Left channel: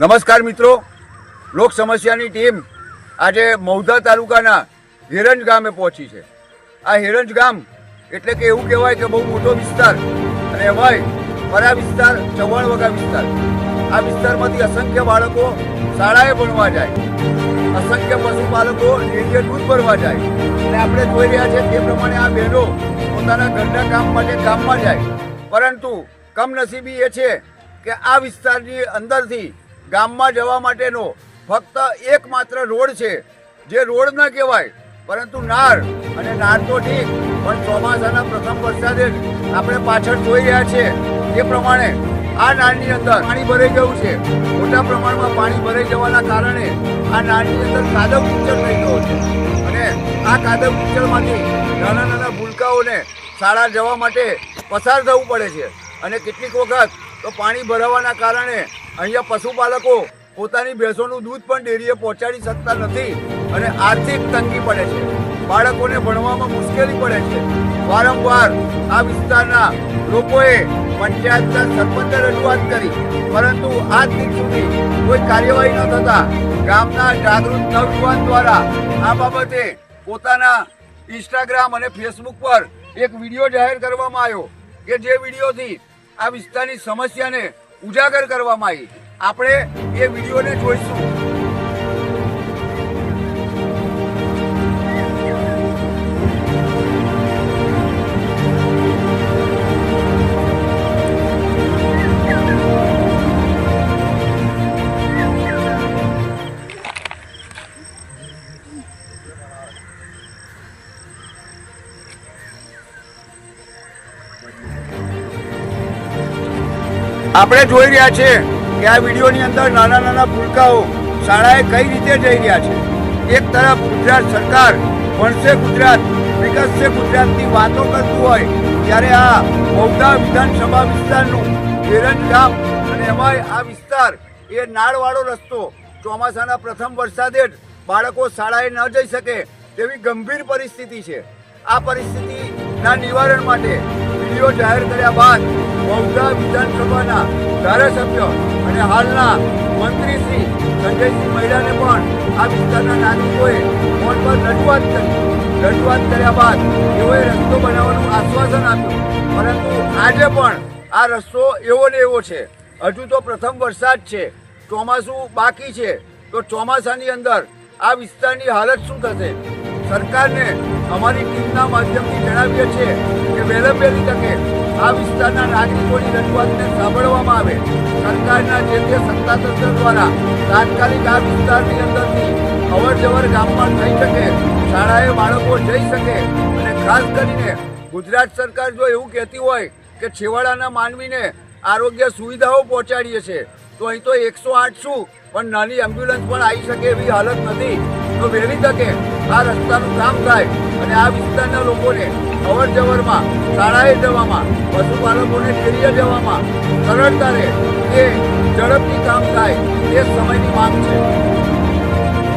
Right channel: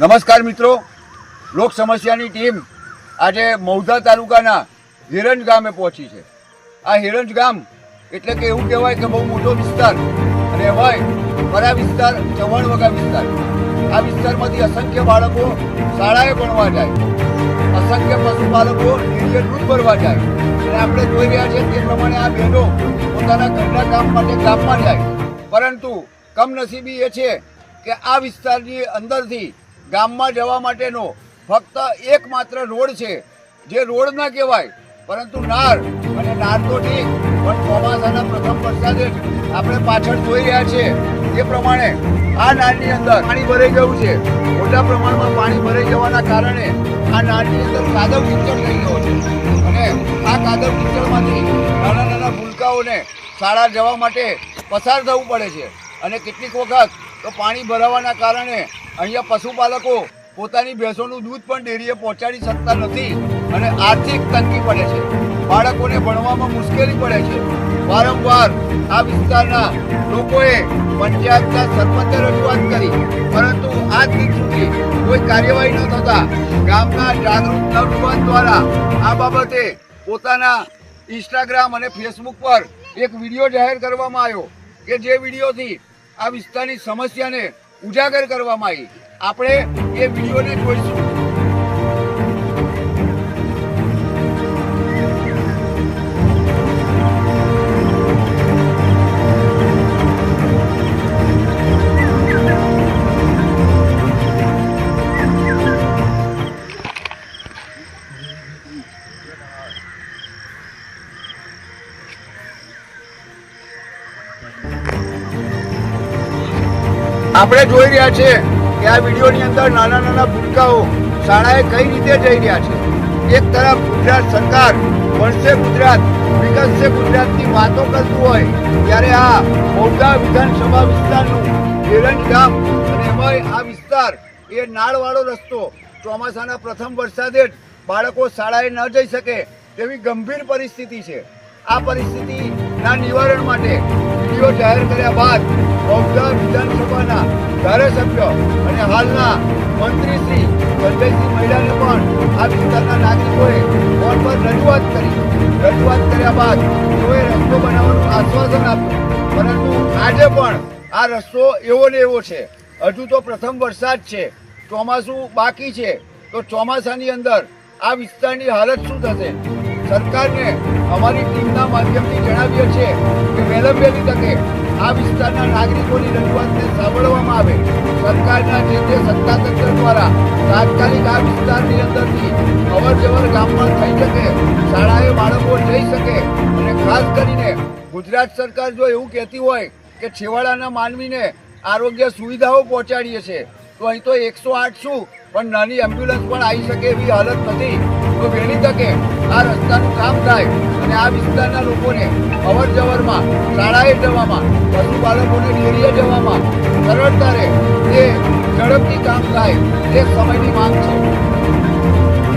નમસ્કાર મિત્રો, લોક સમસ્યાની ટીમ આજે મૌધા તાલુકાના હિરંજ ગામે પહોંચી છે। આ હિરંજ ગામ એટલે કે એવું કહેવાય કે બહુ મોટો વિસ્તાર અને એમાંય પરા વિસ્તાર, ચવણવગા વિસ્તાર। આ વિસ્તારમાંથી અસંખ્ય બાળકો શાળાએ ભણવા જાય, અસંખ્ય પશુપાલકો ડેરીએ દૂધ ભરવા જાય અને આપણે જોઈ રહ્યા છીએ તે પ્રમાણે આ બહેનો પોતાના ઘરના કામ માટે ગામમાં જાય, પરંતુ કમનસીબી એ છે કે આ વિસ્તારની અંદરથી ગામમાં જવા માટેનો ફક્ત એકમાત્ર રોડ છે, જે રોડ ન કહેવાય પરંતુ નાર, અને નાર તો ઠીક પણ ચોમાસાના પ્રથમ વરસાદે જ આપણે પાછળ જોઈ રહ્યા છીએ એ પ્રમાણે આ નાળની અંદર પાણી ભરાઈ ગયું છે। મોટા પ્રમાણમાં પાણી ભરાઈ જવાના કારણે આ નાળની અંદર કાદવ કીચડ થઈ ગયો છે અને આ કાદવ કીચડમાંથી નાના નાના ભૂલકાઓને શાળા જવા માટે પસાર થવું પડે છે અને કેટલીક વખત તો પાણી ભરાવાના કારણે અહીંયા પશુપાલકો પોતાની ભેંસોનું દૂધ પણ ડેરીએ પહોંચાડી શકતા નથી અને આર્થિક તંગી પડે છે, બાળકોને ભણવામાં મુશ્કેલી પડે છે। વારંવાર આ વિસ્તારના લોકોએ પંચાયતના સરપંચે રજૂઆત કરી, પરંતુ આજ દિન સુધી કોઈ કાર્યવાહી ન થતા ગામના જાગૃત નવયુવાન દ્વારા આ બાબતે પોતાના ઇન્સ્ટાગ્રામ અને ફેસબુક પર એક વિડીયો જાહેર કરવામાં આવ્યો કે જે વિડીયોથી આ વિસ્તારની સમસ્યાને ઉજાગર કરવામાં આવી। આપણે એ વિડીયોને જોઈશું। આપણે જોઈ રહ્યા છીએ કે આ વિડીયોની અંદર નાના નાના ભૂલકાઓ શાળાએ કઈ રીતે જઈ રહ્યા છે। એક તરફ ગુજરાત સરકાર ભણશે ગુજરાત, વિકસશે ગુજરાતની વાતો કરતું હોય, ત્યારે આ મૌધા વિધાનસભા વિસ્તારનું હિરંજ ગામ અને એમાંય આ વિસ્તાર એ નાળવાળો રસ્તો, ચોમાસાના પ્રથમ વરસાદે જ બાળકો શાળાએ ન જઈ શકે તેવી ગંભીર પરિસ્થિતિ છે। આ પરિસ્થિતિના નિવારણ માટે વિડીયો જાહેર કર્યા બાદ મૌધા વિધાનસભાના ધારાસભ્ય અને હાલના મંત્રી શ્રી સંજયસિંહ મૈડાને પણ આ વિસ્તારના નાગરિકોએ ફોન પર રજૂઆત કર્યા બાદ તેઓએ રસ્તો બનાવવાનું આશ્વાસન આપ્યું, પરંતુ આજે પણ આ રસ્તો એવો ને એવો છે। હજુ તો પ્રથમ વરસાદ છે, ચોમાસું બાકી છે, તો ચોમાસાની અંદર આ વિસ્તારની હાલત શું થશે? સરકારને અમારી ટીમના માધ્યમથી જણાવીએ છીએ કે વહેલામાં વહેલી તકે આ વિસ્તારના નાગરિકોની રજૂઆતને સાંભળવામાં આવે। સરકારના જે તે સત્તાતંત્ર દ્વારા તાત્કાલિક આ વિસ્તારની અંદરથી અવર જવર ગામમાં થઈ શકે, શાળાએ બાળકો જઈ શકે અને ખાસ કરીને ગુજરાત સરકાર જો એવું કહેતી હોય કે છેવાડાના માનવીને આરોગ્ય સુવિધાઓ પહોંચાડીએ છે, તો અહીં તો 108 શું પણ નાની એમ્બ્યુલન્સ પણ આવી શકે એવી હાલત નથી। તો વહેલી તકે આ રસ્તાનું કામ થાય અને આ વિસ્તારના લોકોને અવર જવરમાં, શાળાએ જવામાં, પશુપાલકોને ડેરીએ જવામાં સરળતા રહે, તે ઝડપથી કામ થાય તે સમયની માંગ છે।